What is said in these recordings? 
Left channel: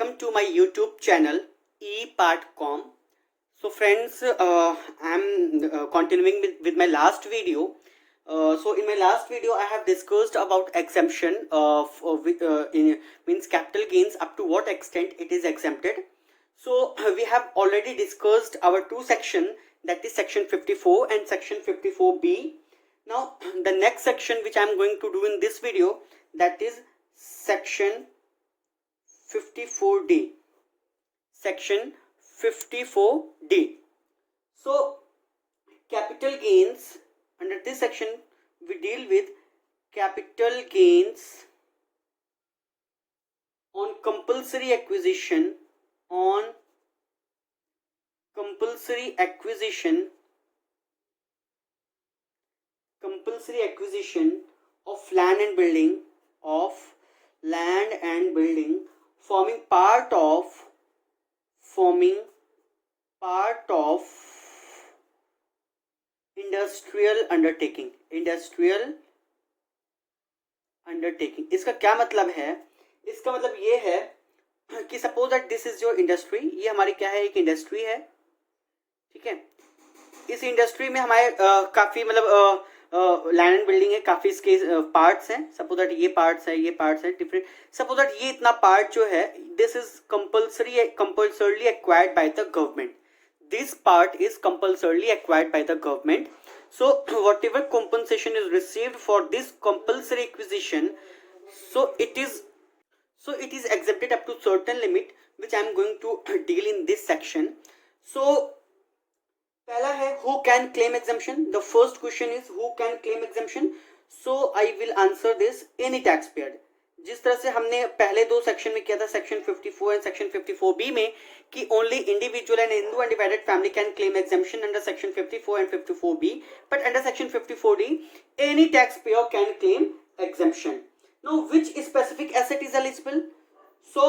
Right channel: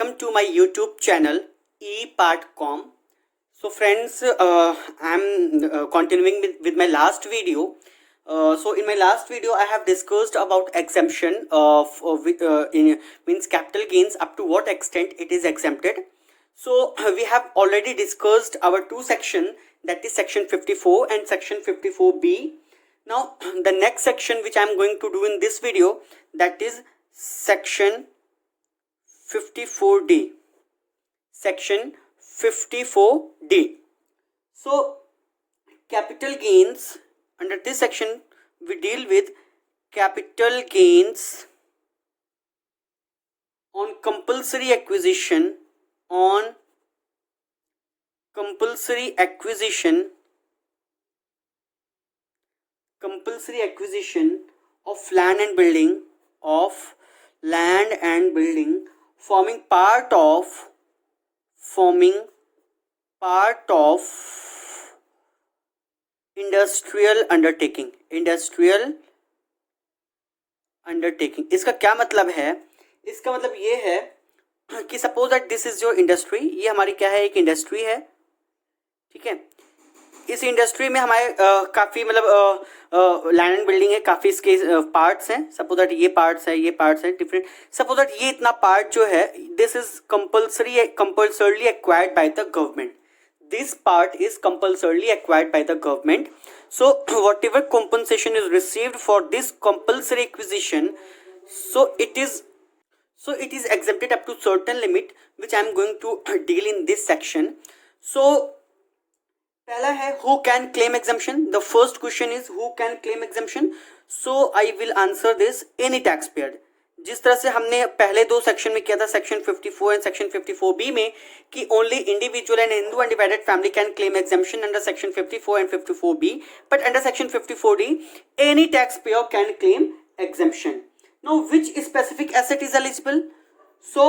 welcome to my YouTube channel ePartCom. So friends, I'm continuing with my last video. So in my last video, I have discussed about exemption means capital gains, up to what extent it is exempted. So we have already discussed our two section, that is section 54 and section 54B. Now the next section which I am going to do in this video, that is section 54D. Section 54D. So capital gains, under this section we deal with capital gains on compulsory acquisition, compulsory acquisition of land and building, forming part of industrial undertaking. इसका क्या मतलब है? इसका मतलब ये है कि suppose that this is your industry. ये हमारी क्या है? एक इंडस्ट्री है. ठीक है. इस इंडस्ट्री में हमारे काफ़ी मतलब लैंड एंड बिल्डिंग है, काफ़ी इसके पार्ट्स हैं. सपोज दैट ये पार्ट्स है, ये पार्ट्स है डिफरेंट. सपोज दैट ये इतना पार्ट जो है, this is compulsorily acquired by the government. This part is compulsorily acquired by the government. So whatever compensation is received for this compulsory acquisition, so it is exempted up to certain limit, which I am going to deal in this section. So पहला है who can claim exemption. The first question is who can claim exemption. So I will answer this, any taxpayer. जिस तरह से हमने पहले दो section में किया था, सेक्शन 54 एंड सेक्शन 54B में, कि only individual and Hindu undivided family can claim exemption under section 54 and 54B, but under section 54D any tax payer can claim exemption. Now which specific asset is eligible? So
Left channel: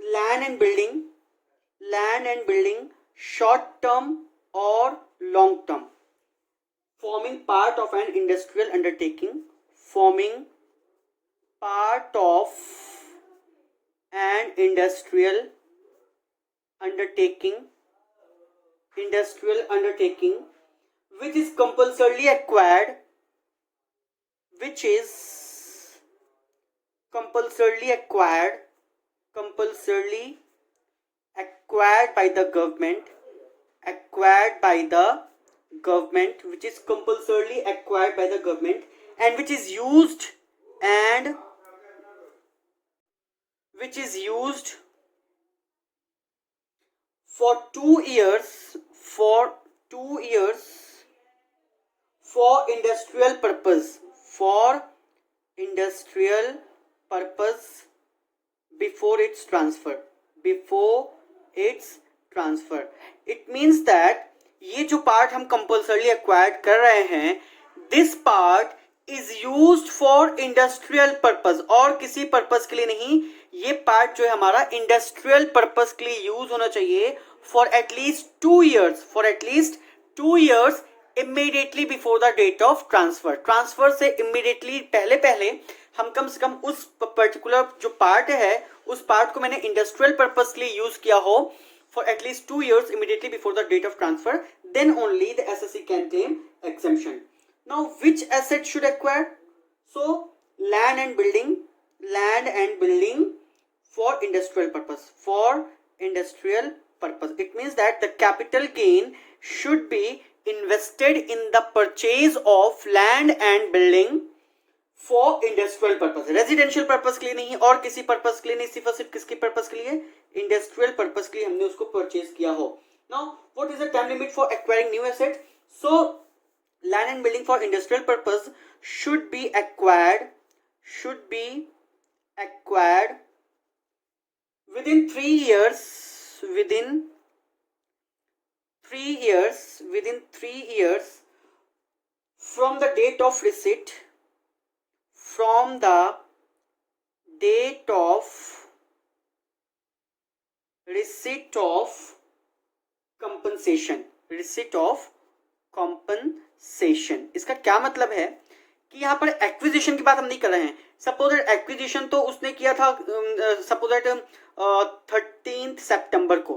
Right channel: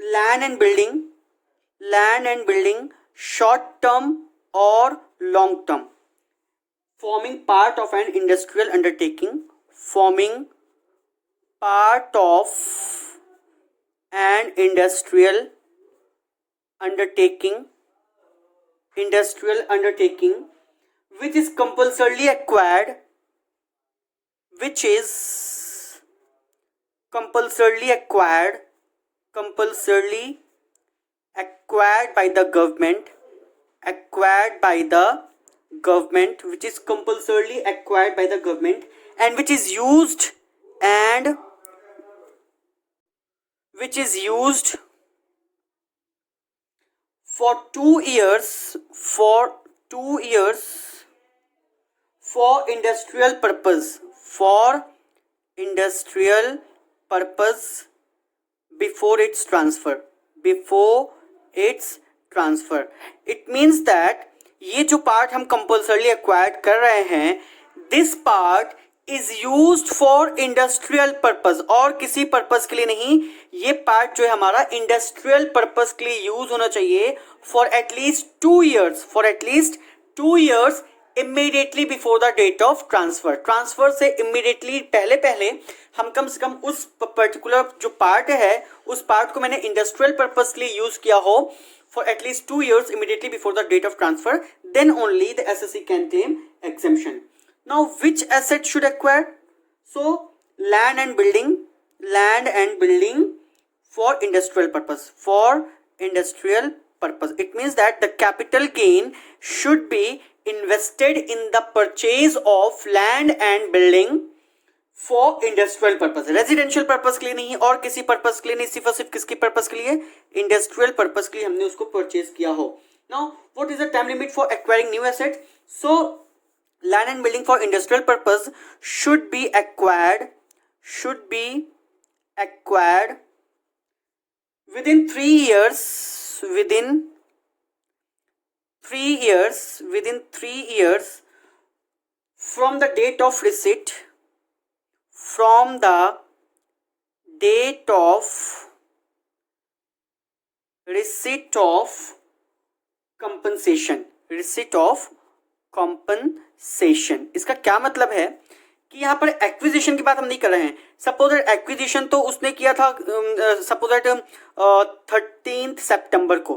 land and building short term or long term, forming part of an industrial undertaking, which is compulsorily acquired, by the government, which is compulsorily acquired by the government, and which is used for 2 years for industrial purpose before its transfer. It means that ये जो part हम compulsorily acquired कर रहे हैं, this part is used for industrial purpose, और किसी purpose के लिए नहीं. ये पार्ट जो है हमारा इंडस्ट्रियल पर्पस के लिए यूज होना चाहिए for at least 2 years immediately before the date of transfer से इमीडिएटली पहले हम कम से कम उस पर्टिकुलर जो पार्ट है, उस पार्ट को मैंने इंडस्ट्रियल पर्पस के लिए यूज किया हो for at least 2 years immediately before the date of transfer, then only the SSC can claim exemption. Now which asset should acquire? So land and building for industrial purpose. It means that the capital gain should be invested in the purchase of land and building for industrial purpose. Residential purpose के लिए नहीं, और किसी purpose के लिए नहीं, सिर्फ किसके पर्पज के लिए? इंडस्ट्रियल पर्पज के लिए हमने उसको परचेज किया हो. Now what is the time limit for acquiring new asset? So land and building for industrial purpose should be acquired within 3 years from the date of receipt of compensation. इसका क्या मतलब है कि यहाँ पर एक्विजिशन की बात हम नहीं कर रहे हैं। सपोज एक्विजिशन तो उसने किया था सपोज दैट 13 सितंबर को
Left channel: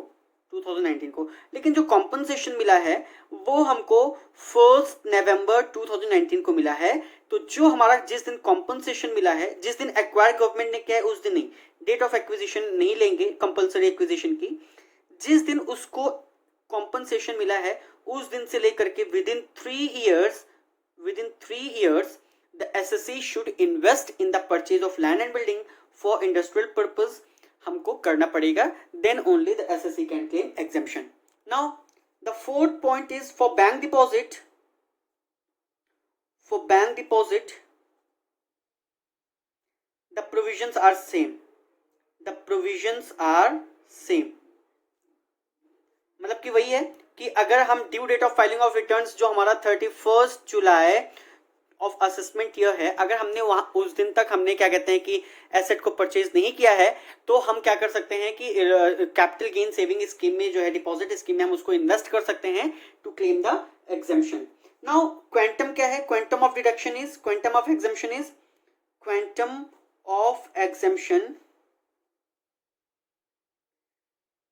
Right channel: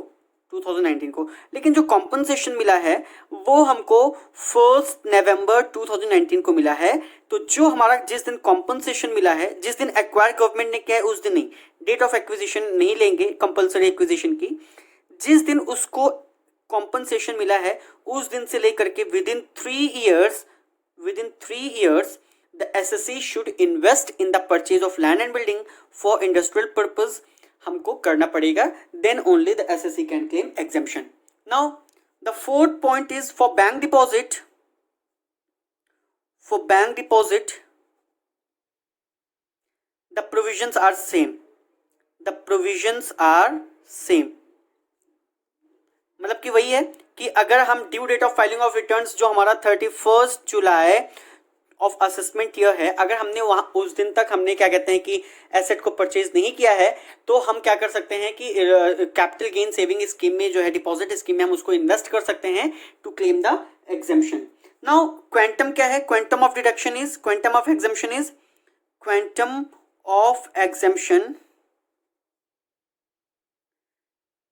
2019 को, लेकिन जो कॉम्पनसेशन मिला है वो हमको 1 नवंबर 2019 को मिला है। तो जो हमारा जिस दिन कॉम्पनसेशन मिला है, जिस दिन एक्वायर गवर्नमेंट ने किया है उस दिन नहीं, डेट ऑफ एक्विजिशन नहीं लेंगे कंपल्सरी एक्विजिशन की, जिस दिन उसको कॉम्पनसेशन मिला है उस दिन से लेकर के within 3 years the SSE should invest in the purchase of land and building for industrial purpose हमको करना पड़ेगा, then only the SSE can claim exemption. Now the fourth point is for bank deposit. For bank deposit the provisions are same. The provisions are same. मतलब कि वही है कि अगर हम due date of filing of returns जो हमारा 31 July of assessment year है, अगर हमने वहां उस दिन तक हमने क्या कहते हैं कि एसेट को परचेज नहीं किया है, तो हम क्या कर सकते हैं कि कैपिटल गेन सेविंग स्कीम में जो है डिपॉजिट स्कीम में हम उसको इन्वेस्ट कर सकते हैं to claim the exemption. Now quantum क्या है? Quantum of deduction is, quantum of exemption is, quantum of exemption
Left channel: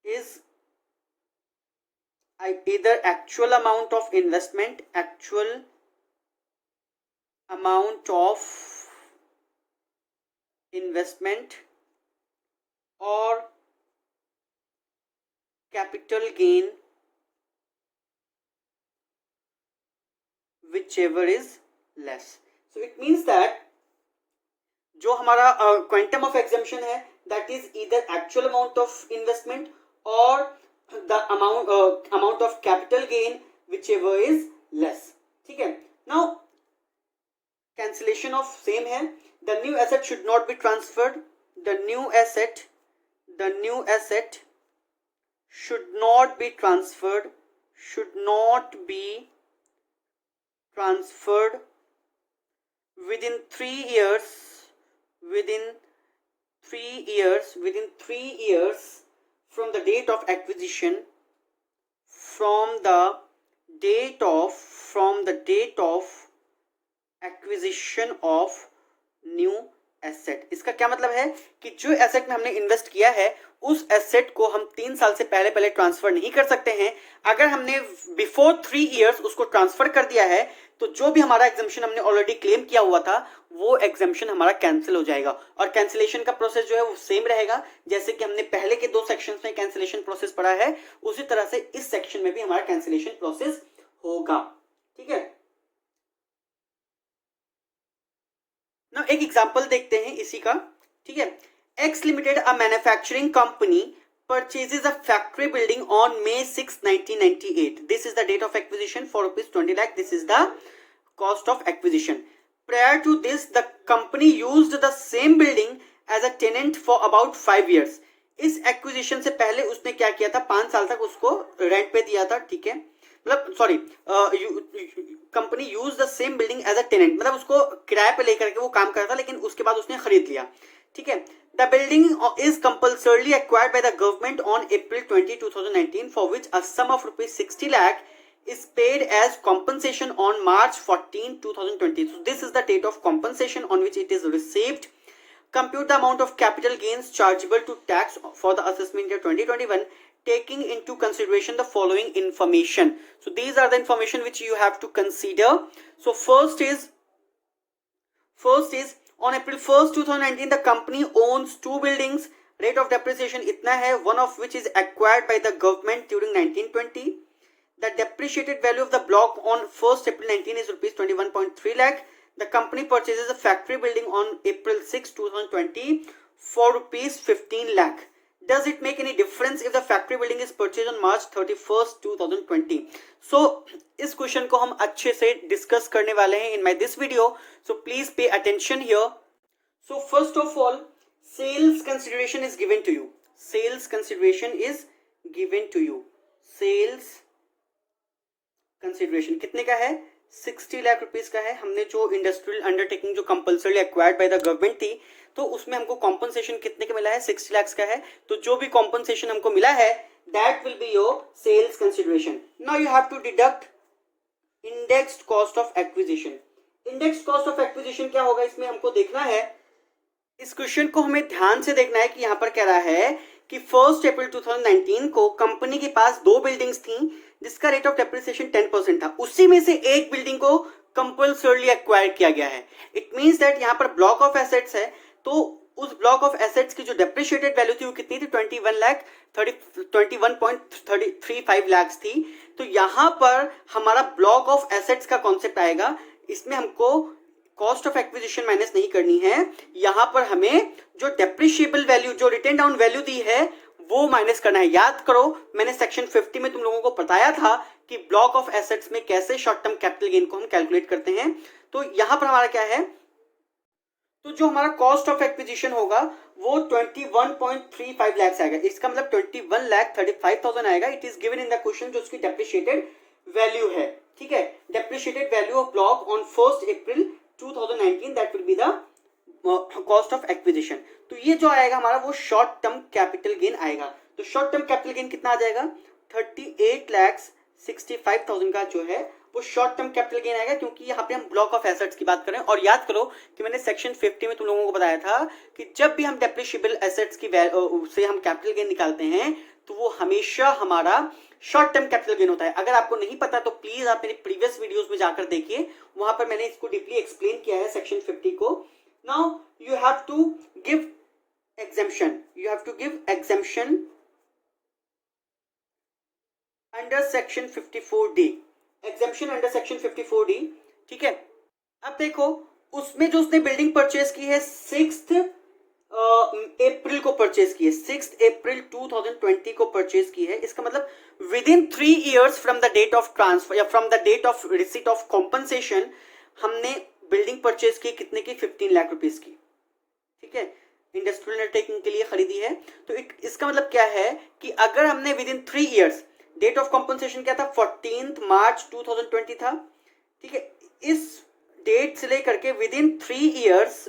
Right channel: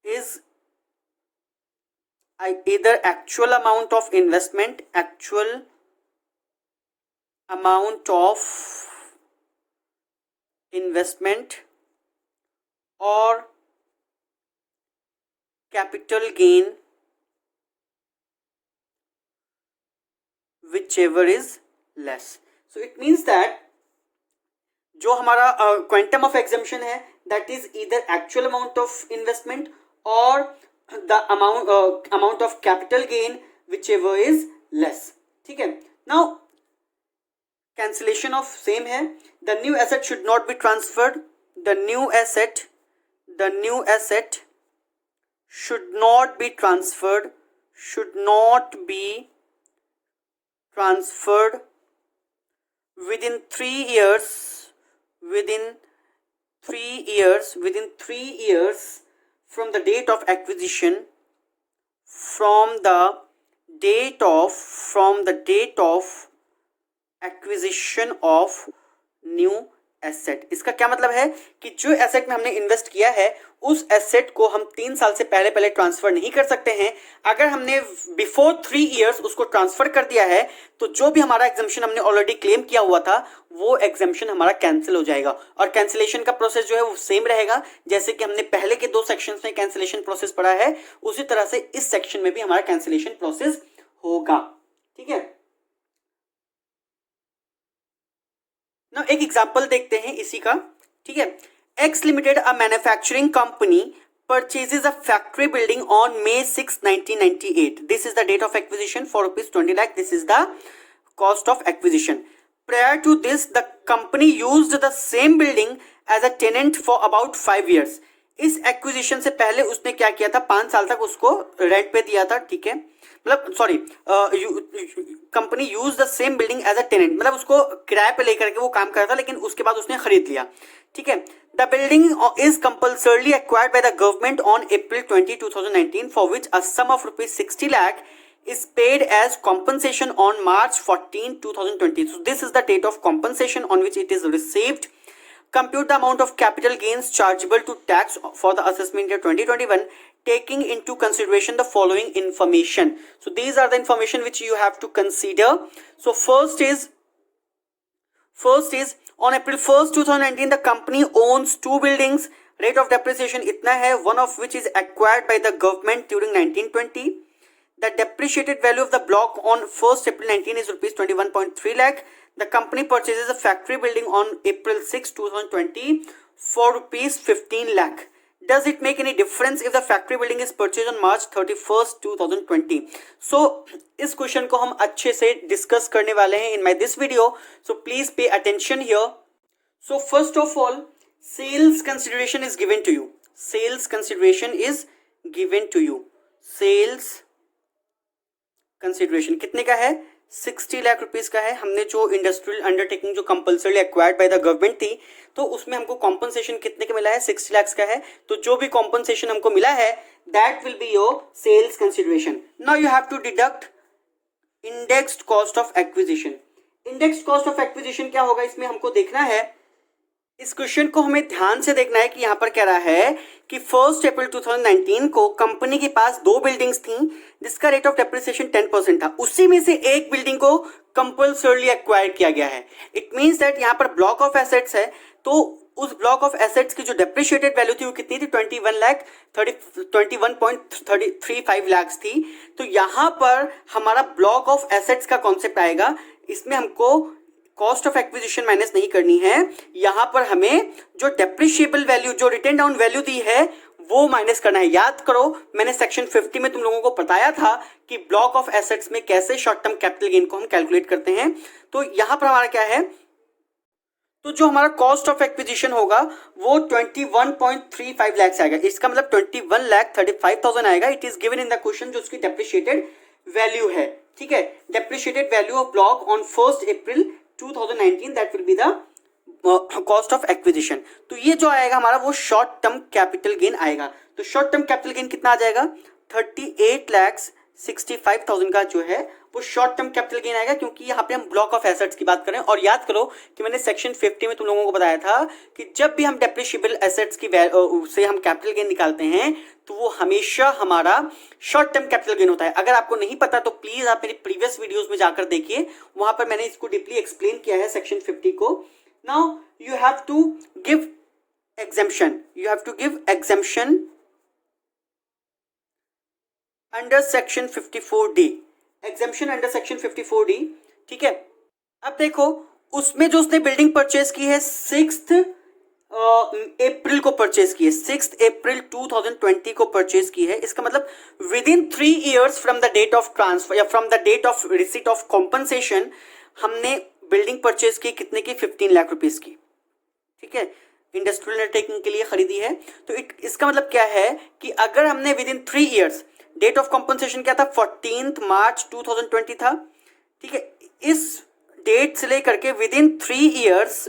is either actual amount of investment, actual amount of investment or capital gain, whichever is less. So it means that जो हमारा quantum of exemption है that is either actual amount of investment or the amount of capital gain whichever is less. ठीक है. Now cancellation of same है. The new asset should not be transferred. The new asset should not be transferred. Should not be transferred within 3 years. Within 3 years from the date of acquisition, from the date of acquisition of new asset. इसका क्या मतलब है कि जो asset में हमने invest किया है उस एसेट को हम 3 साल से पहले ट्रांसफर नहीं कर सकते हैं. अगर हमने बिफोर 3 इयर्स उसको ट्रांसफर कर दिया है तो जो भी हमारा एग्जेम्पशन हमने ऑलरेडी क्लेम किया हुआ था वो एग्जेम्पशन हमारा कैंसिल हो जाएगा. और कैंसिलेशन का प्रोसेस जो है वो सेम रहेगा जैसे कि हमने पहले के 2 सेक्शंस में कैंसिलेशन प्रोसेस पढ़ा है, उसी तरह से इस सेक्शन में भी हमारा कैंसिलेशन प्रोसेस होगा. ठीक है. ना एक एग्जांपल देखते हैं इसी का. ठीक है. X Limited, a manufacturing company, purchases a factory building on May 6, 1998. This is the date of acquisition for rupees 20 lakh. This is the cost of acquisition. Prior to this, the company used the same building as a tenant for about 5 years. इस acquisition से पहले उसने क्या किया था? 5 साल तक उसको रेंट पे दिया था. ठीक है. मतलब sorry, company use the same building as a tenant, मतलब उसको किराए पे लेकर के वो काम करता, लेकिन उसके बाद उसने खरीद लिया. ठीक है. The building is compulsorily acquired by the government on April 20, 2019 for which a sum of rupees 60 lakh is paid as compensation on March 14, 2020. So this is the date of compensation on which it is received. Compute the amount of capital gains chargeable to tax for the assessment year 2021, taking into consideration the following information. So these are the information which you have to consider. So first is on April 1st, 2019, the company owns 2 buildings. Rate of depreciation इतना है, one of which is acquired by the government during 1920. The depreciated value of the block on 1st April 19 is rupees 21.3 lakh. The company purchases a factory building on April 6, 2020 for rupees 15 lakh. Does it make any difference if the factory building is purchased on March 31st, 2020? So इस question को हम अच्छे से discuss करने वाले हैं in my this video. So please pay attention here. So first of all, sales consideration is given to you. Sales consideration is given to you. Sales consideration कितने का है? 60 लाख रुपीस का है. हमने जो इंडस्ट्रियल अंडरटेकिंग जो compulsory acquired by the government थी, तो उसमें हमको कॉम्पनसेशन कितने का मिला है? 60 लाख का है. तो जो भी कॉम्पनसेशन हमको मिला है that will be your sales consideration. Now you have to deduct indexed cost of acquisition. Index cost of acquisition क्या होगा इसमें हमको देखना है। इस क्वेश्चन को हमें ध्यान से देखना है कि यहाँ पर कह रहा है कि 1 अप्रैल 2019 को कंपनी के पास 2 बिल्डिंग्स थी जिसका रेट ऑफ डेप्रिसिएशन 10% था, उसी में से एक बिल्डिंग को कंपल्सरली एक्वायर किया गया है। इट मींस दैट यहाँ पर ब्लॉक ऑफ एसेट्स है, तो उस ब्लॉक ऑफ एसेट्स की जो डेप्रिशिएटेड वैल्यू थी वो कितनी थी, 21.35 लाख थी। तो यहाँ पर हमारा ब्लॉक ऑफ एसेट्स का कॉन्सेप्ट आएगा, इसमें हमको कॉस्ट ऑफ एक्विजिशन माइनस नहीं करनी है, यहां पर हमें जो डेप्रिशिएबल वैल्यू, जो रिटेन डाउन वैल्यू दी है वो माइनस करना है। याद करो मैंने सेक्शन 50 में तुम लोगों को बताया था कि ब्लॉक ऑफ एसेट्स में कैसे शॉर्ट टर्म कैपिटल गेन को हम कैलकुलेट करते हैं। तो यहां पर हमारा क्या है, तो जो हमारा कॉस्ट ऑफ एक्विजिशन होगा वो 21.35 लाख आएगा, इसका मतलब 21,35,000 आएगा। It is given in the question जो उसकी डेप्रिशिएटेड वैल्यू है, ठीक है। Depreciated value of block on 1 April 2019 that will be the cost of acquisition. तो ये जो आएगा हमारा वो शॉर्ट टर्म कैपिटल गेन आएगा। तो शॉर्ट टर्म कैपिटल गेन कितना आ जाएगा, 38,65,000 का जो है वो शॉर्ट टर्म कैपिटल गेन आएगा, क्योंकि यहाँ पे हम ब्लॉक ऑफ एसेट्स की बात करें। और याद करो कि मैंने सेक्शन 50 में तुम लोगों को बताया था कि जब भी हम डेप्रिशिएबल एसेट्स की से हम कैपिटल गेन निकालते हैं तो वो हमेशा हमारा शॉर्ट टर्म कैपिटल गेन होता है। अगर आपको नहीं पता तो प्लीज आप मेरी प्रीवियस वीडियोस में जाकर देखिए, वहां पर मैंने इसको डीपली एक्सप्लेन किया है सेक्शन 50 को। Now you have to give exemption, you have to give exemption under section 54D, exemption under section 54D, ठीक है। अब देखो उसमें जो उसने बिल्डिंग परचेज की है 6 अप्रैल को परचेज की है, 6 अप्रैल 2020 को परचेज की है। इसका मतलब within 3 years from the date of transfer या from the date of receipt of compensation हमने बिल्डिंग परचेज की कितने की, 15 लाख रुपीस की, ठीक है। इंडस्ट्रियल अंडरटेकिंग के लिए खरीदी है। तो इसका मतलब क्या है कि अगर हमने within 3 years, date of compensation क्या था, 14 मार्च 2020 था, ठीक है। इस डेट से लेकर के विद इन 3 ईयर्स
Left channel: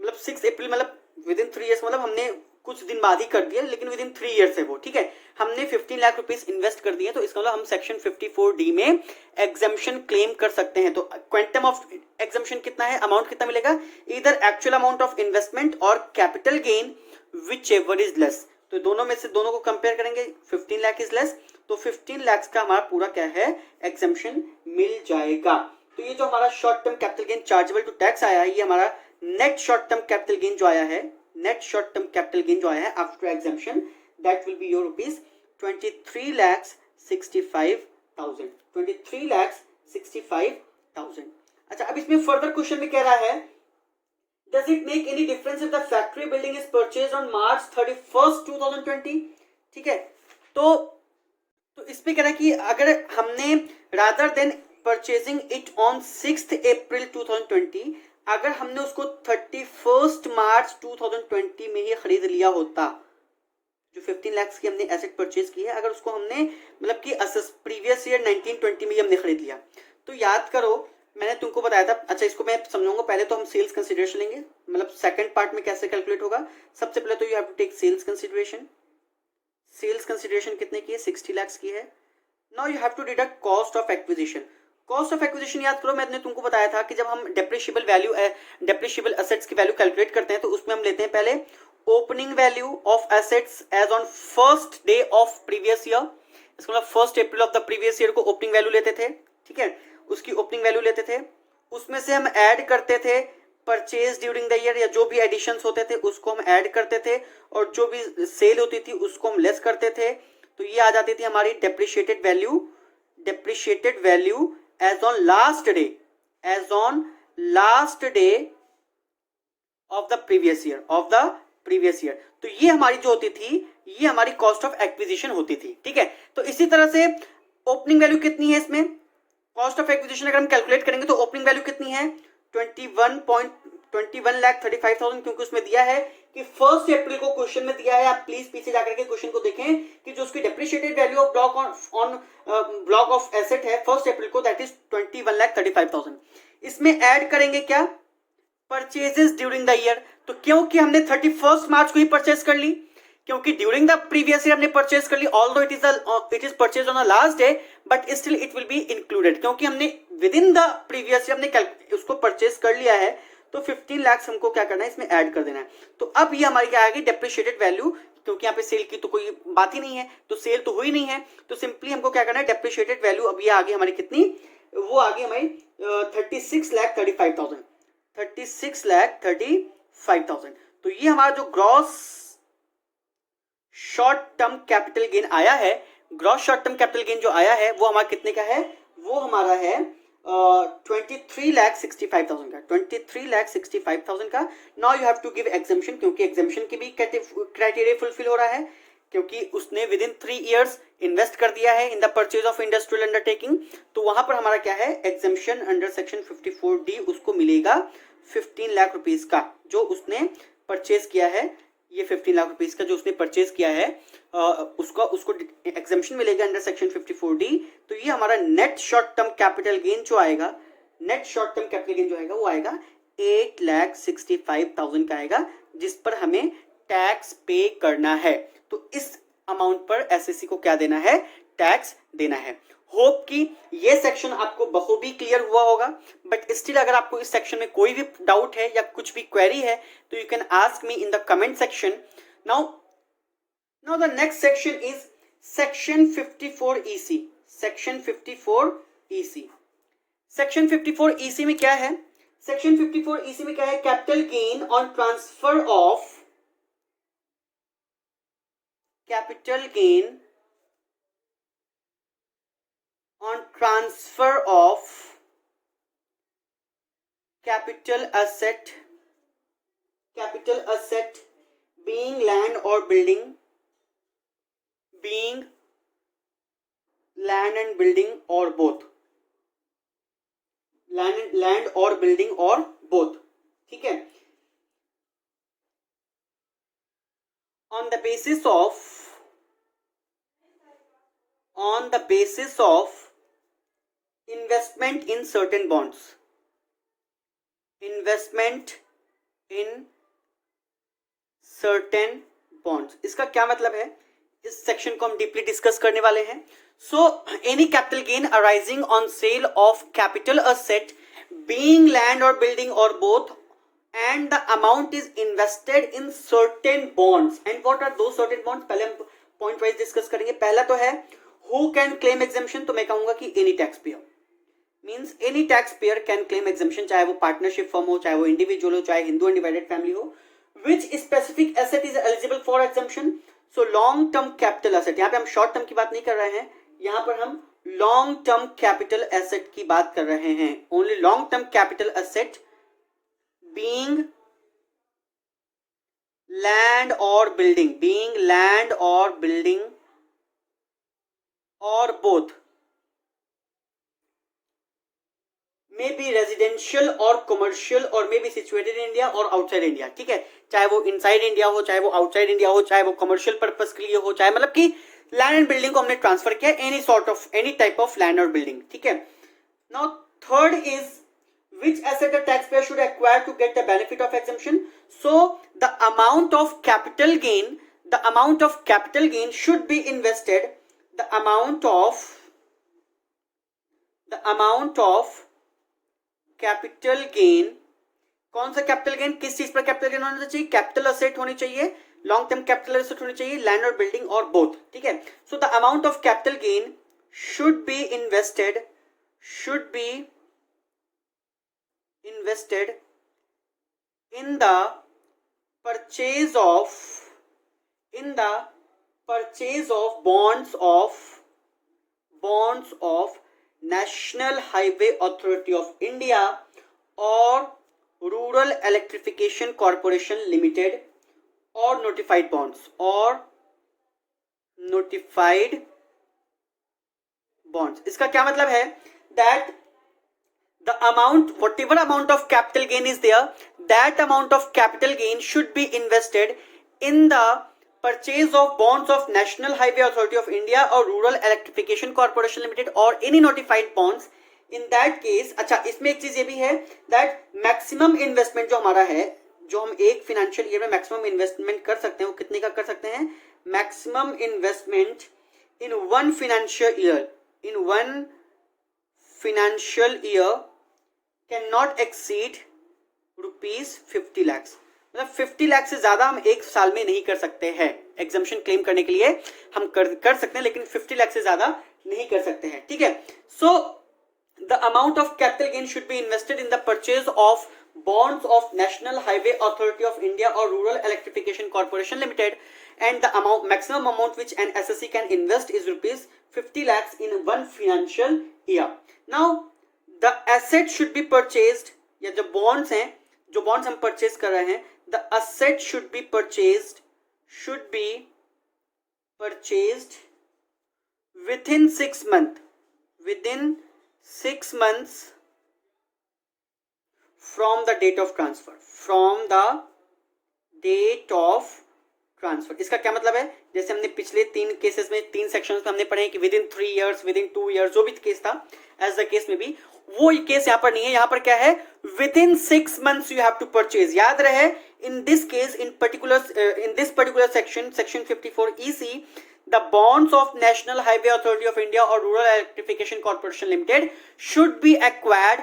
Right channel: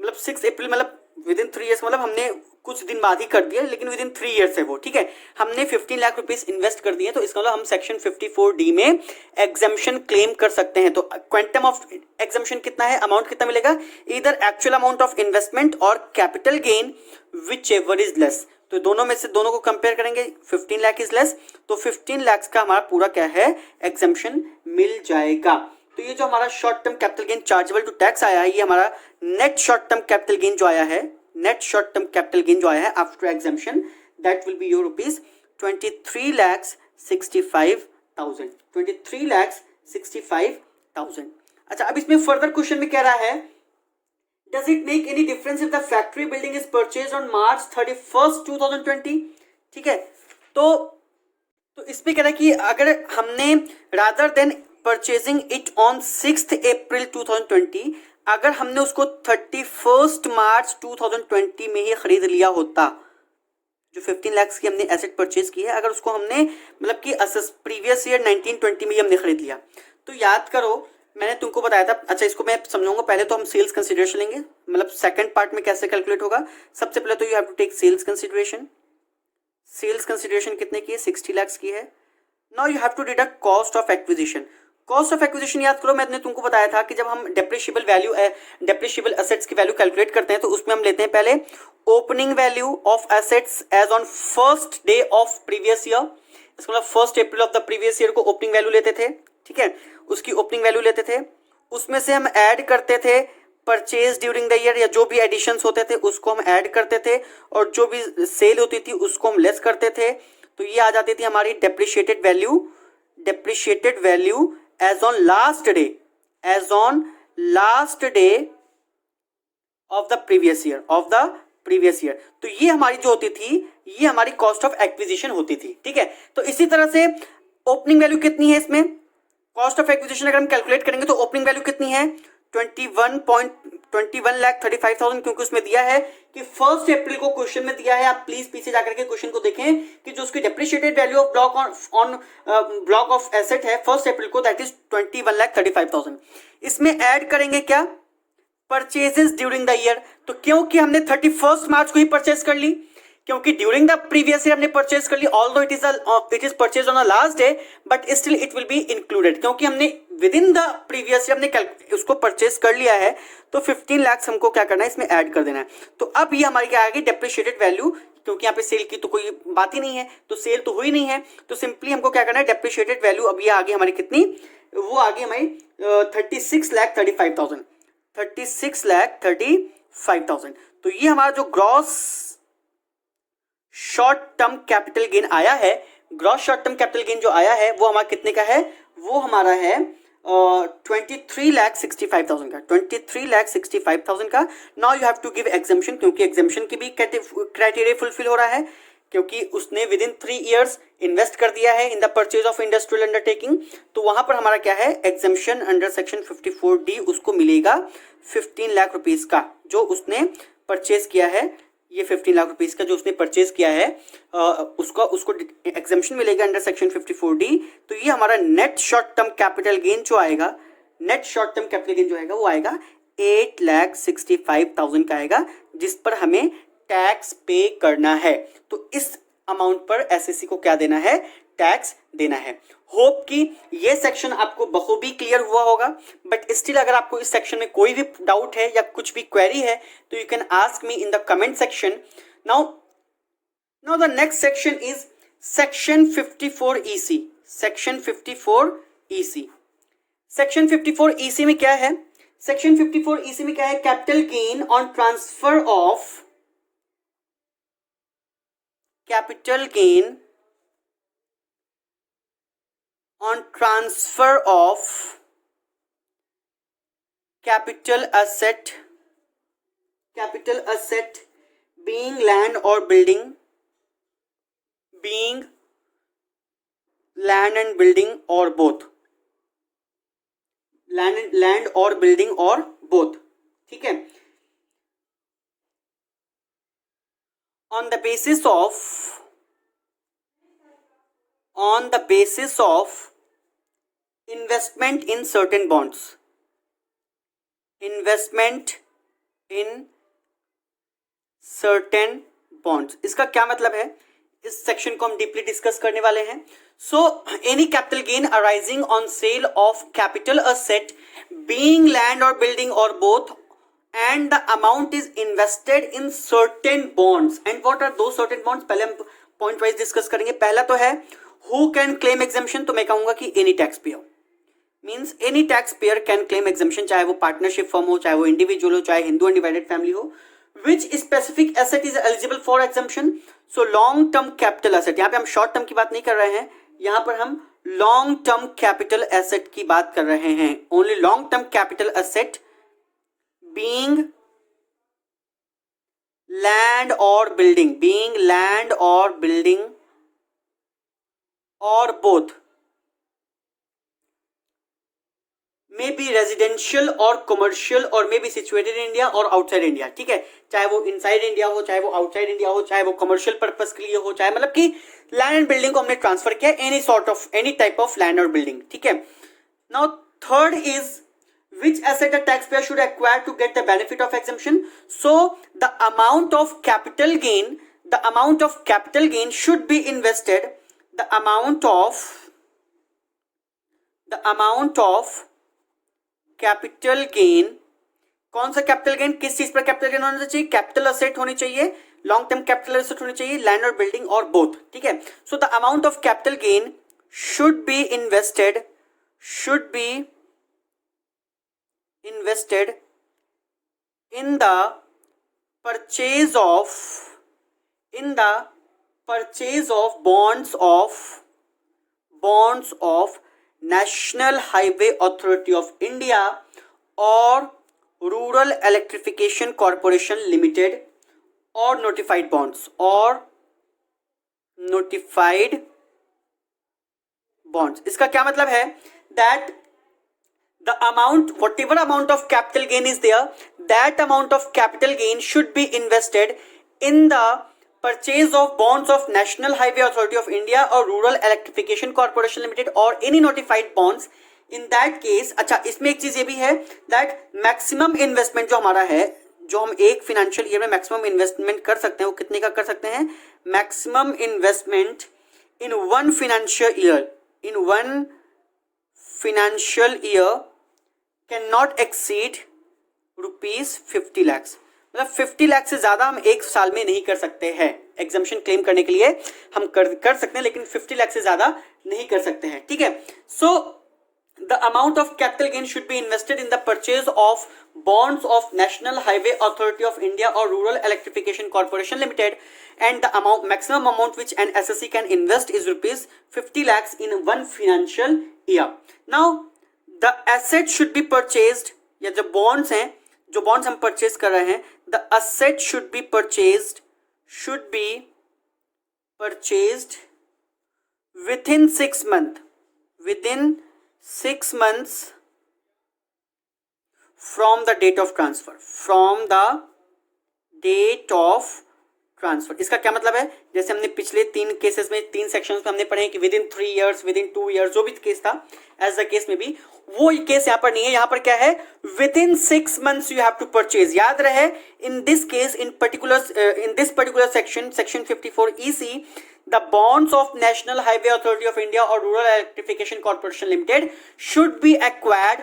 मतलब 6 अप्रैल मतलब विद इन 3 ईयर्स मतलब हमने कुछ दिन बाद ही कर दिया, लेकिन विद इन 3 ईयर्स है वो, ठीक है। हमने 15 लाख रुपीस इन्वेस्ट कर दिए, तो इसका मतलब हम सेक्शन 54D में एग्जेम्पशन क्लेम कर सकते हैं। तो क्वांटम ऑफ एग्जेम्पशन कितना है, अमाउंट कितना मिलेगा, इधर एक्चुअल अमाउंट ऑफ इन्वेस्टमेंट और capital gain which ever is less. तो दोनों में से दोनों को कंपेयर करेंगे, 15 लाख इज लेस, तो 15 लाख का हमारा पूरा क्या है, एग्जेम्पशन मिल जाएगा। तो ये जो हमारा short term capital gain chargeable to tax आया है, ये हमारा net short term capital gain जो आया है, net short term capital gain जो आया है after exemption, that will be your rupees 23,65,000, 23,65,000। अच्छा, अब इसमें फर्दर क्वेश्चन में कह रहा है, does it make any difference if the factory building is purchased on March 31, 2020, ठीक है। तो इसमें कह रहा है कि अगर हमने rather than purchasing it on 6 अप्रैल 2020, अगर हमने उसको 31 मार्च 2020 में ही खरीद लिया होता, जो 15 लाख की हमने एसेट परचेज की है, अगर उसको हमने मतलब कि प्रीवियस ईयर 1920 में ही हमने खरीद लिया, तो याद करो मैंने तुमको बताया था। अच्छा, इसको मैं समझाऊंगा, पहले तो हम सेल्स कंसिडरेशन लेंगे, मतलब सेकंड पार्ट में कैसे कैलकुलेट होगा। सबसे पहले तो you have to take sales consideration. Sales consideration कितने की है, 60 लाख की है। Now you have to deduct cost of acquisition. Cost of acquisition याद करो, मैंने तुमको बताया था कि जब हम डेप्रिशिएबल एसेट्स की वैल्यू कैलकुलेट करते हैं तो उसमें हम लेते हैं पहले opening value of assets as on first day of previous year. इसका मतलब 1 April of the previous year को ओपनिंग वैल्यू लेते थे, ठीक है, उसकी ओपनिंग वैल्यू लेते थे। उसमें से हम ऐड करते थे परचेज ड्यूरिंग द ईयर, या जो भी एडिशंस होते थे उसको हम ऐड करते थे, और जो भी सेल होती थी उसको हम लेस करते थे। तो ये आ जाती थी हमारी depreciated value as on last day of the previous year, तो ये हमारी जो होती थी, ये हमारी कॉस्ट ऑफ एक्विजिशन होती थी, ठीक है। तो इसी तरह से ओपनिंग वैल्यू कितनी है इसमें, कॉस्ट ऑफ एक्विजिशन अगर हम कैलकुलेट करेंगे तो ओपनिंग वैल्यू कितनी है, 21,35,000, क्योंकि उसमें दिया है कि 1 अप्रैल को क्वेश्चन में दिया है। आप प्लीज पीछे जाकर के क्वेश्चन को देखें कि जो उसकी depreciated value of block of asset है 1 अप्रैल को, दैट इज 21,35,000। इसमें ऐड करेंगे क्या, परचेजेस ड्यूरिंग द ईयर। तो क्योंकि हमने 31 मार्च को ही परचेज कर ली, क्योंकि ड्यूरिंग द प्रीवियस ईयर हमने परचेज कर ली, although it is purchase on the last day, but still it will be included, क्योंकि हमने within the previous year हमने उसको परचेज कर लिया है, तो 15 लाख हमको क्या करना है, इसमें ऐड कर देना है। तो अब ये हमारी क्या आ गई, डेप्रिशिएटेड वैल्यू, क्योंकि यहाँ पे सेल की तो कोई बात ही नहीं है, तो सेल तो हुई नहीं है, तो सिंपली हमको क्या करना है, डेप्रिशिएटेड वैल्यू अब ये आ गई हमारी कितनी, वो आ गई हमारी 36,35,000, 36,35,000। तो ये हमारा जो gross short term capital gain आया है, gross short term capital gain जो आया है वो हमारा कितने का है, वो हमारा है 23,65,000 का, 23,65,000 का। Now you have to give exemption, क्योंकि एग्जाम्शन की भी क्राइटेरिया फुलफिल हो रहा है, क्योंकि उसने विद इन 3 इयर्स इन्वेस्ट कर दिया है in the purchase of industrial undertaking. तो वहां पर हमारा क्या है, एग्जाम्शन अंडर सेक्शन 54D उसको मिलेगा 15 लाख रुपीज का, जो उसने परचेज किया है, ये 15 लाख रुपीज का जो उसने परचेज किया है, उसको एग्जाम्शन मिलेगा अंडर सेक्शन 54D। तो ये हमारा net short term capital gain जो आएगा, net short term capital gain जो आएगा वो आएगा 8,65,000 का आएगा, जिस पर हमें टैक्स पे करना है। तो इस अमाउंट पर एसएससी को क्या देना है, टैक्स देना है। होप कि ये सेक्शन आपको बखूबी क्लियर हुआ होगा, बट स्टिल अगर आपको इस सेक्शन में कोई भी डाउट है या कुछ भी क्वेरी है तो you can ask me in the comment section. Now the next section is section 54EC। Section 54EC, section 54EC में क्या है, सेक्शन 54EC में क्या है, capital gain on transfer of, capital gain on transfer of capital asset being land or building, being land and building or both, land or building or both, ठीक है, on the basis of investment in certain bonds, investment in certain bonds। इसका क्या मतलब है, इस section को हम deeply discuss करने वाले हैं। So any capital gain arising on sale of capital asset being land और बिल्डिंग और both and the amount is invested in certain bonds. And what are those certain bonds, पहले हम point wise discuss करेंगे। पहला तो है who can claim exemption, तो मैं कहूंगा कि any tax pair, means any tax payer can claim exemption, चाहे वो पार्टनरशिप फर्म हो, चाहे वो इंडिविजुअल हो, चाहे हिंदू अनडिवाइडेड फैमिली हो। विच specific asset is eligible for exemption, so long term capital asset, यहाँ पे हम शॉर्ट टर्म की बात नहीं कर रहे हैं, यहाँ पर हम लॉन्ग टर्म कैपिटल एसेट की बात कर रहे हैं। Only long term capital asset being land और बिल्डिंग, बीइंग लैंड और बिल्डिंग और बोथ, मे बी रेजिडेंशियल और कमर्शियल और may be situated in India और आउटसाइड इंडिया, ठीक है, चाहे वो इनसाइड इंडिया हो, चाहे वो आउटसाइड इंडिया हो, चाहे वो कमर्शियल पर्पस के लिए हो, चाहे मतलब कि लैंड एंड बिल्डिंग को हमने ट्रांसफर किया, एनी टाइप ऑफ लैंड और बिल्डिंग, ठीक है। Now third is which asset a taxpayer should acquire to get the benefit of exemption, so the amount of capital gain should be invested, the amount of capital gain, कौन सा capital gain, किस चीज पर capital gain होना चाहिए, capital asset होनी चाहिए, long term capital asset होनी चाहिए, लैंड और बिल्डिंग और बोथ, ठीक है। So the amount of capital gain should be invested in the purchase of bonds of National Highway Authority of India or Rural Electrification Corporation Limited or notified bonds इसका क्या मतलब है, that the amount, whatever amount of capital gain is there, that amount of capital gain should be invested in the purchase of bonds of National Highway Authority of India or Rural Electrification Corporation Limited or any notified bonds. In that case, अच्छा इसमें एक चीज ये भी है that maximum investment जो हमारा है, जो हम एक फिनेंशियल ईयर में मैक्सिमम इन्वेस्टमेंट कर सकते हैं वो कितने का कर सकते हैं? Maximum investment in one financial year can not exceed ₹50 lakh. मतलब 50 लाख से ज्यादा हम एक साल में नहीं कर सकते हैं। एग्जम्पशन क्लेम करने के लिए हम कर सकते हैं, लेकिन 50 लाख से ज्यादा नहीं कर सकते हैं। ठीक है, so the amount of capital gain should be invested in the purchase of bonds of National Highway Authority of India or Rural Electrification Corporation Limited, and the maximum amount which an SSE can invest is ₹50 lakhs in one financial year. Now the asset should be purchased, या जो bonds हैं, जो bonds हम purchase कर रहे हैं, the asset should be purchased within 6 months from the date of transfer. इसका क्या मतलब है? जैसे हमने पिछले 3 केसेस में 3 सेक्शंस में हमने पढ़े कि with in 3 years, with in 2 years, जो भी केस था, एज द केस में भी वो केस यहाँ पर नहीं है। यहाँ पर क्या है? Within 6 months you have to purchase. याद रहे, in this case, in this particular section 54 EC, the bonds of National Highway Authority of India or Rural Electrification Corporation Limited should be acquired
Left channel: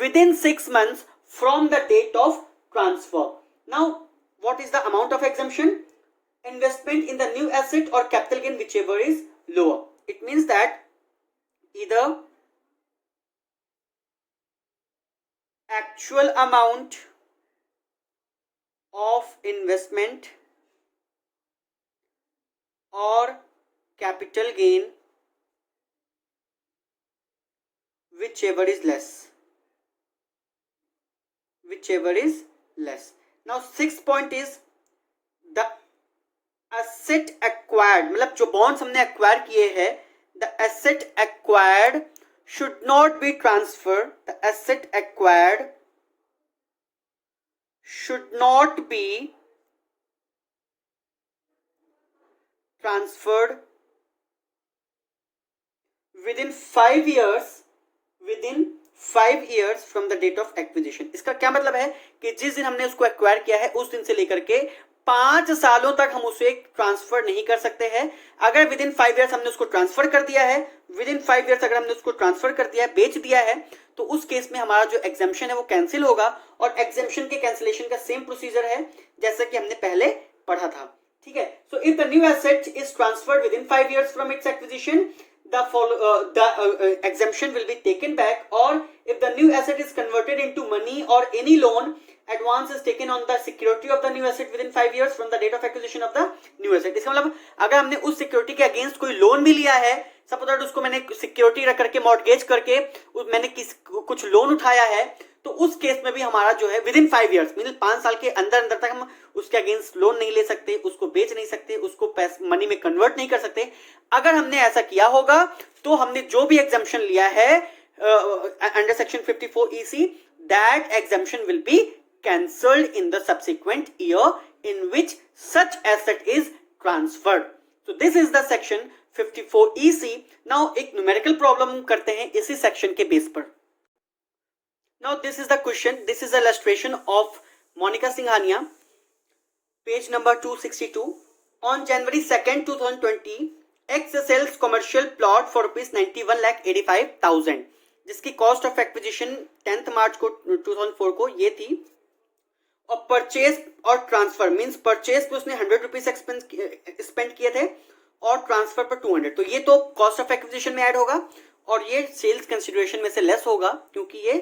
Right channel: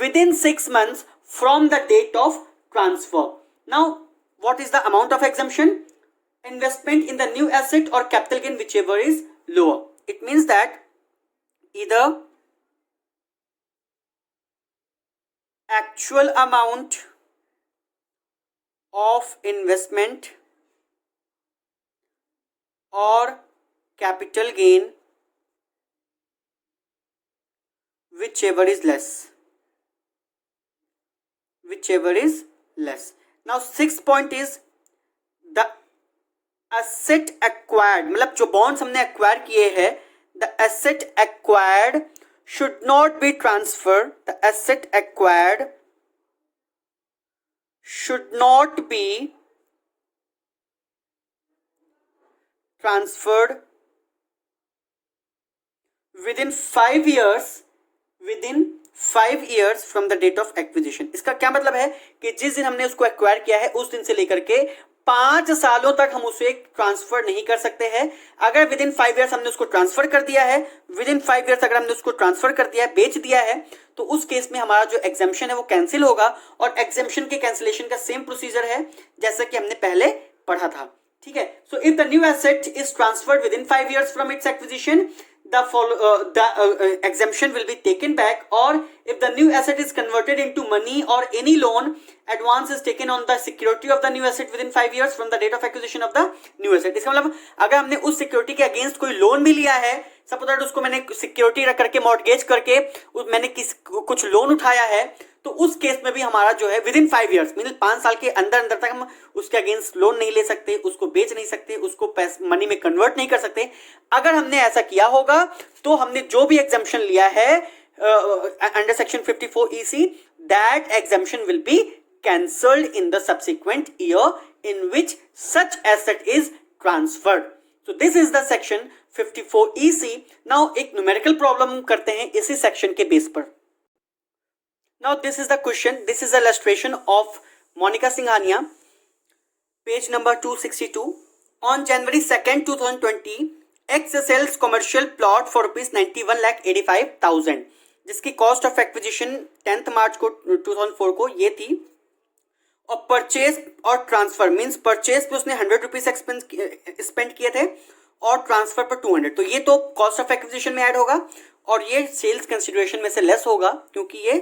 within 6 months from the date of transfer. Now, what is the amount of exemption? Investment in the new asset or capital gain, whichever is lower. It means that either actual amount of investment or capital gain, whichever is less. Now 6th point is the asset acquired, मतलब जो bonds हमने acquire किए हैं, the asset acquired should not be transferred. The asset acquired should not be transferred within 5 years from the date of acquisition. इसका क्या मतलब है कि जिस दिन हमने उसको एक्वायर किया है उस दिन से लेकर के 5 सालों तक हम उसे ट्रांसफर नहीं कर सकते हैं। अगर विद इन 5 years हमने उसको ट्रांसफर कर दिया है, विद इन 5 years अगर हमने उसको ट्रांसफर कर दिया है, बेच दिया है, तो उस केस में हमारा जो एग्जेम्पशन है वो कैंसिल होगा। और एग्जेम्पशन के कैंसिलेशन का सेम प्रोसीजर है जैसा कि हमने पहले पढ़ा था। ठीक है, so if the new asset is transferred with in 5 years from its acquisition, the exemption will be taken back, or if the new asset is converted into money or any loan, advance is taken on the security of the new asset within 5 years from the date of acquisition of the new asset. इसका मतलब अगर हमने उस security के against कोई loan भी लिया है, सपोज दैट उसको मैंने सिक्योरिटी रख करके मॉर्गेज करके मैंने कुछ लोन उठाया है, तो उस केस में भी हमारा जो है विद इन 5 years मीन 5 साल के अंदर तक हम उसके अगेंस्ट लोन नहीं ले सकते, उसको बेच नहीं सकते, उसको मनी में कन्वर्ट नहीं कर सकते। अगर हमने ऐसा किया होगा तो हमने जो भी एग्जम्पशन लिया है under section 54 EC, that exemption will be cancelled in the subsequent year in which such asset is transferred. So this is the section 54 EC। Now एक न्यूमेरिकल प्रॉब्लम करते हैं इसी सेक्शन के बेस पर। Now this is the question, this is the illustration of Monica Singhania, page number 262. On January 2nd, 2020, X sells commercial plot for ₹91,85,000, जिसकी cost of acquisition 10th मार्च को 2004 को ये थी, और परचेज और ट्रांसफर मींस परचेज पे उसने ₹100 स्पेंड किए थे और ट्रांसफर पर 200, तो ये तो कॉस्ट ऑफ एक्विजिशन में ऐड होगा और ये सेल्स कंसिडरेशन में से लेस होगा क्योंकि ये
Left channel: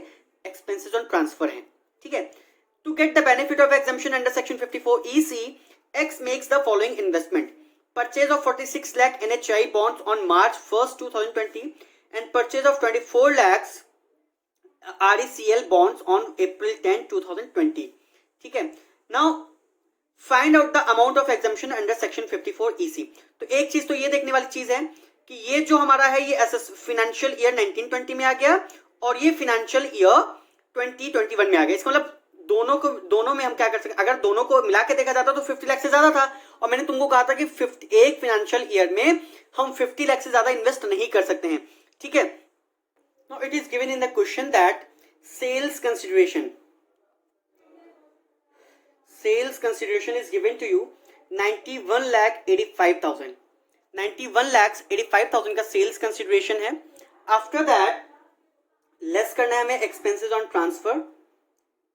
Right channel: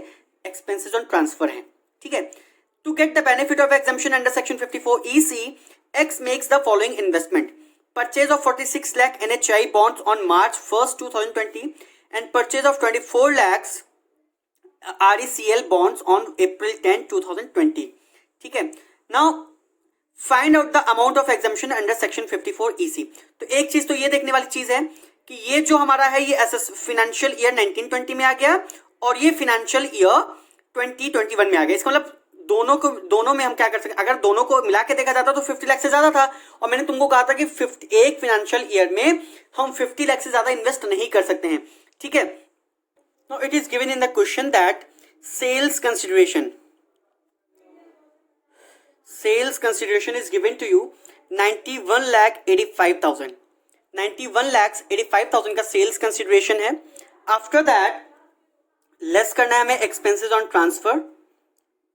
एक्सपेंसेस ऑन ट्रांसफर है। ठीक है, to get the benefit of exemption under section 54 EC, X makes the following investment: purchase of 46 lakh NHI bonds on March 1st, 2020 and purchase of 24 lakhs RECL bonds on April 10, 2020. ठीक है, now find out the amount of exemption under section 54 EC। तो एक चीज तो ये देखने वाली चीज है कि ये जो हमारा है ये फाइनेंशियल ईयर 1920 में आ गया और ये फाइनेंशियल ईयर 2021 में आ गया। इसका मतलब दोनों में हम क्या कर सकते हैं, अगर दोनों को मिला के देखा जाता तो 50 लाख से ज्यादा था, और मैंने तुमको कहा था कि एक फाइनेंशियल ईयर में हम 50 लाख से ज्यादा इन्वेस्ट नहीं कर सकते हैं। ठीक है, now it is given in the question that sales sales consideration is given to you 91,85,000. 91,85,000 का सेल्स कंसिडरेशन है. आफ्टर दैट लेस करना है हमें एक्सपेंसेस ऑन ट्रांसफर.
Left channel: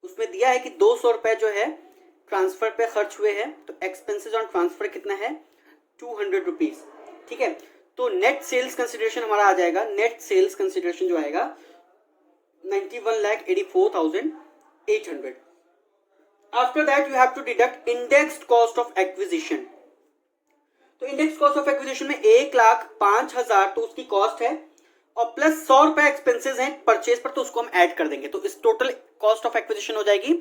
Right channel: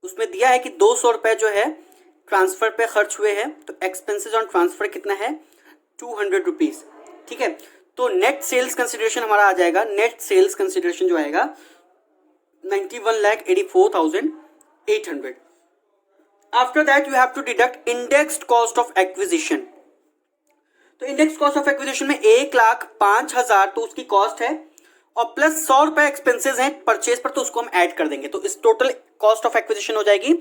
उसमें दिया है कि 200 रुपए जो है ट्रांसफर पे खर्च हुए हैं, तो एक्सपेंसेस ऑन ट्रांसफर कितना है 200 रुपीज. ठीक है, तो नेट सेल्स कंसिडरेशन हमारा आ जाएगा. नेट सेल्स कंसिडरेशन जो आएगा 91,84,800. After that you have to deduct indexed cost of acquisition. तो इंडेक्स कॉस्ट ऑफ एक्विजिशन में 1,05,000 तो उसकी कॉस्ट है, और प्लस 100 रुपए एक्सपेंसेस हैं परचेज पर, तो उसको हम ऐड कर देंगे. तो इस टोटल कॉस्ट ऑफ एक्विजिशन हो जाएगी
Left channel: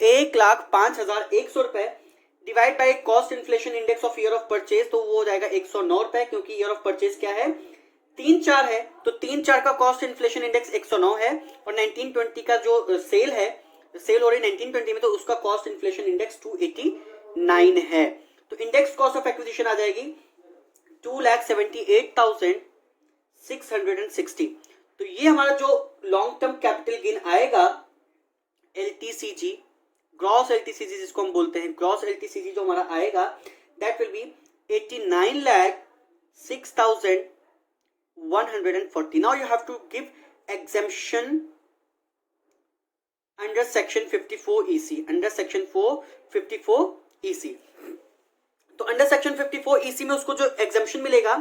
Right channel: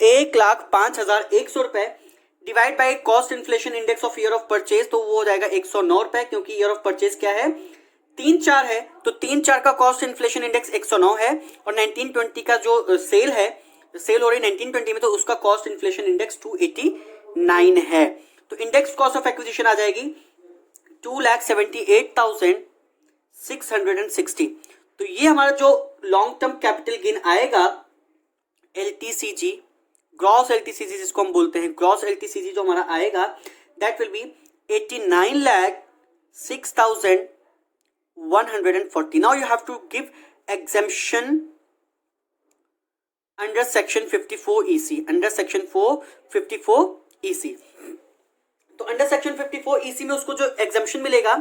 1,05,100 रुपए divide by cost inflation index of year of purchase, तो वो हो जाएगा 109 रुपए, क्योंकि ईयर ऑफ परचेज क्या है 3-4 है, तो 3-4 का कॉस्ट इन्फ्लेशन इंडेक्स 109 है, और 1920 का जो सेल है, सेल हो रही 1920 में, तो उसका कॉस्ट इन्फ्लेशन इंडेक्स 289 है. तो इंडेक्स कॉस्ट ऑफ एक्विजिशन आ जाएगी 2,78,660. तो ये हमारा जो लॉन्ग टर्म कैपिटल गेन आएगा LTCG, ग्रॉस LTCG जिसको हम बोलते हैं, ग्रॉस LTCG जो हमारा आएगा that will be 89,06,140. Now you have to give exemption under section 54 EC. Under section 54 EC, तो अंडर सेक्शन 54 EC में उसको जो एग्जेम्पशन मिलेगा,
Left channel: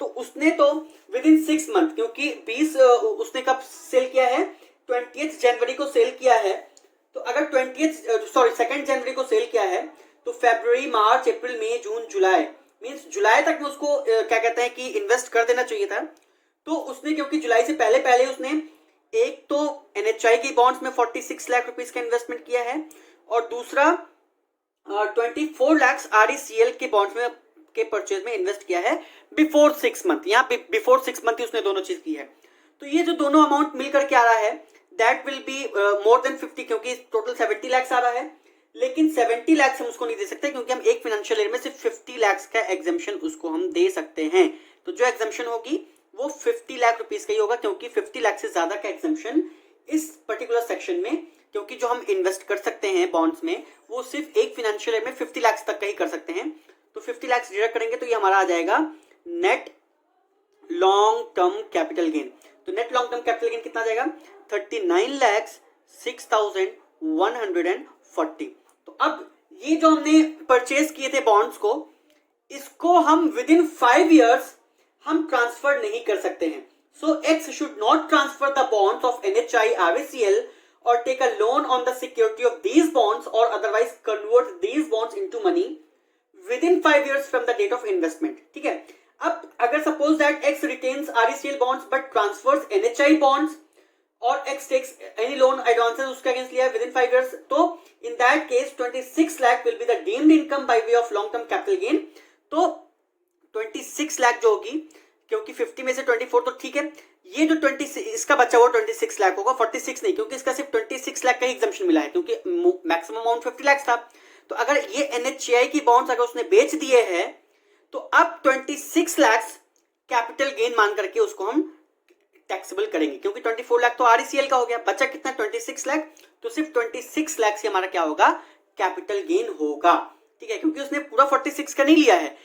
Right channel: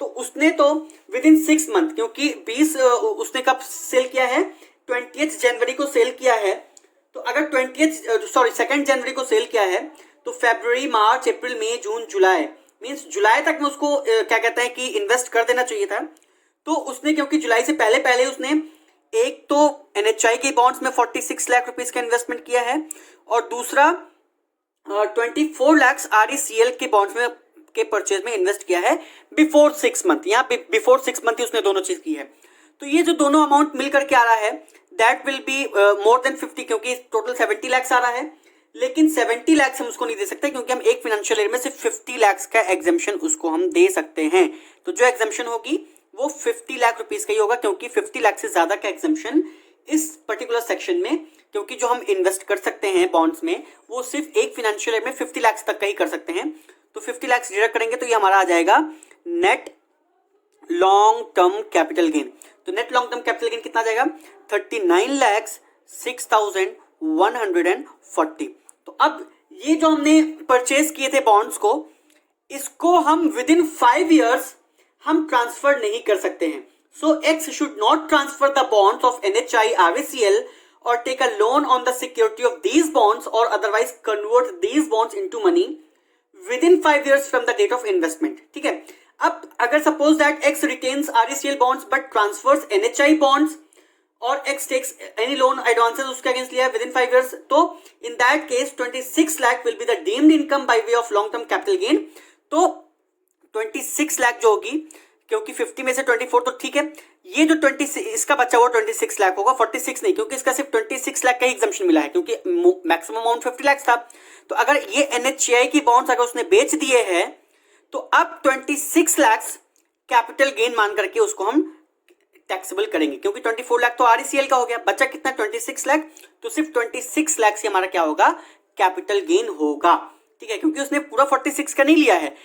तो उसने तो विद इन 6 मंथ, क्योंकि 20 उसने कब सेल किया है 20 जनवरी को सेल किया है, तो अगर 2 जनवरी को सेल किया है, तो फरवरी, मार्च, अप्रैल, मई, जून, जुलाई, मींस जुलाई तक में उसको क्या कहते हैं कि इन्वेस्ट कर देना चाहिए था. तो उसने, क्योंकि जुलाई से पहले उसने एक तो NHI के बॉन्ड्स में 46 लाख रुपीस का इन्वेस्टमेंट किया है, और दूसरा 24 लाख RECL के बॉन्ड्स में के परचेज में इन्वेस्ट किया है बिफोर 6 मंथ. यहाँ पे बिफोर 6 मंथ ही उसने दोनों चीज की है. तो ये जो दोनों अमाउंट मिलकर के आ रहा है that will be more than 50, क्योंकि टोटल 70 लाख आ रहा है, लेकिन 70 लाख हम उसको नहीं दे सकते, क्योंकि हम एक फाइनेंशियल ईयर में सिर्फ 50 लाख का एग्जेम्पशन उसको हम दे सकते हैं. तो जो एग्जेम्पशन होगी वो 50 लाख रुपीज का ही होगा, क्योंकि 50 लाख से ज्यादा का एग्जेम्पशन इस पर्टिकुलर सेक्शन में, क्योंकि जो हम इन्वेस्ट कर सकते हैं बॉन्ड्स में वो सिर्फ एक फाइनेंशियल ईयर में 50 लाख तक का ही कर सकते हैं. तो 50 लाख डिडक्ट करेंगे तो ये हमारा आ जाएगा net long term capital gain. तो net long term capital gain कितना आ जाएगा 39,06,140. तो अब ये जो हमने परचेज किए थे बॉन्ड्स को, इसको हम विद इन 5 years हम ट्रांसफर नहीं कर सकते हैं. So X should not transfer the bonds of NHI, RECL or take a loan on the security of these bonds or otherwise convert these bonds into money within 5 years from the date of investment. ठीक है, अब अगर suppose that X retains RECL bonds but transfers NHI bonds, और X takes any loan advances उसके against लिया within 5 years, तो in that case 26 lakh will be the deemed income by way of long term capital gain. तो 26 लाख जो होगी, क्योंकि 50 में से 24 तो ठीक है, ये जो 26 इसका बचा हुआ 26 लाख होगा, 46 नहीं, क्योंकि इसका सिर्फ 26 लाख का ही एग्जम्पशन मिला है, क्योंकि मैक्सिमम अमाउंट 50 लाख था. तो अगर ये NHI की बॉन्ड्स अगर उसने बेच दिए हैं, तो अब 26 लाख कैपिटल गेन मान करके उसको हम टैक्सेबल करेंगे, क्योंकि 24 लाख तो RECL का हो गया, बचा कितना 26 लाख, तो सिर्फ 26 लाख से हमारा क्या होगा कैपिटल गेन होगा. ठीक है, क्योंकि उसने पूरा 46 का नहीं लिया है,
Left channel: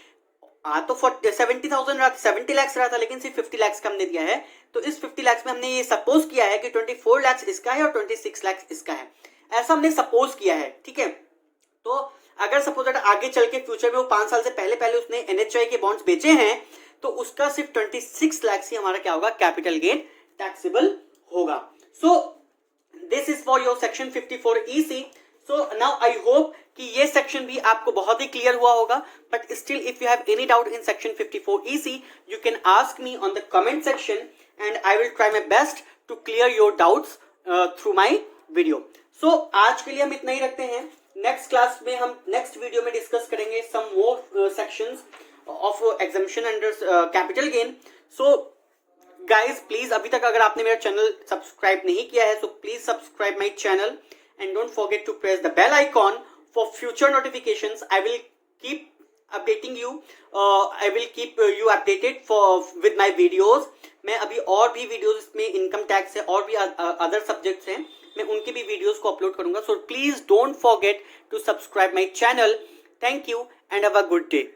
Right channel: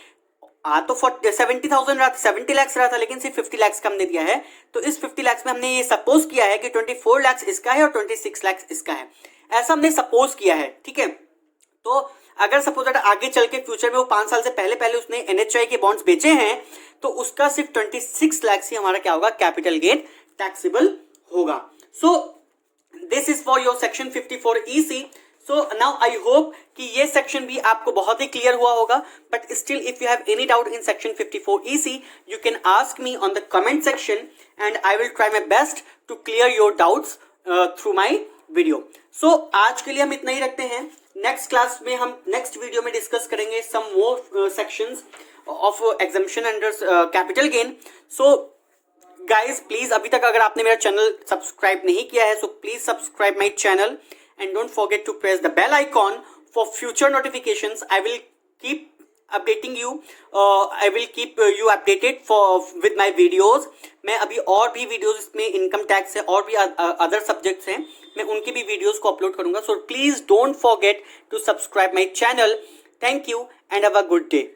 तो 70,000 रहा था, 70 लाख रहा था, लेकिन सिर्फ 50 लाख का हमने दिया है. तो इस 50 लाख में हमने ये सपोज किया है कि 24 लाख इसका है और 26 लाख इसका है, ऐसा हमने सपोज किया है. ठीक है, तो अगर सपोज आगे चल के फ्यूचर में वो 5 साल से पहले उसने NHI के बॉन्ड्स बेचे हैं, तो उसका सिर्फ 26 लाख से हमारा क्या होगा कैपिटल गेन टैक्सेबल होगा. So this is for your section 54 EC. So now I hope कि ये सेक्शन भी आपको बहुत ही क्लियर हुआ होगा, but still if you have any doubt in section 54 EC you can ask me on the comment section and I will try my best to clear your doubts through my video. So आज के लिए हम इतना ही रखते हैं. Next class में हम next video में डिस्कस करेंगे some more sections of exemption under capital gain. So guys please, अभी तक अगर आपने मेरा चैनल सब्सक्राइब नहीं किया है, so please subscribe my channel and don't forget to press the bell icon for future notifications. I will keep updating you. I will keep you updated with my videos. मैं अभी और भी videos इसमें income tax है और भी other subjects हैं, मैं उनकी भी वीडियोस को अपलोड करूंगा. So please don't forget to subscribe my channel. Thank you and have a good day.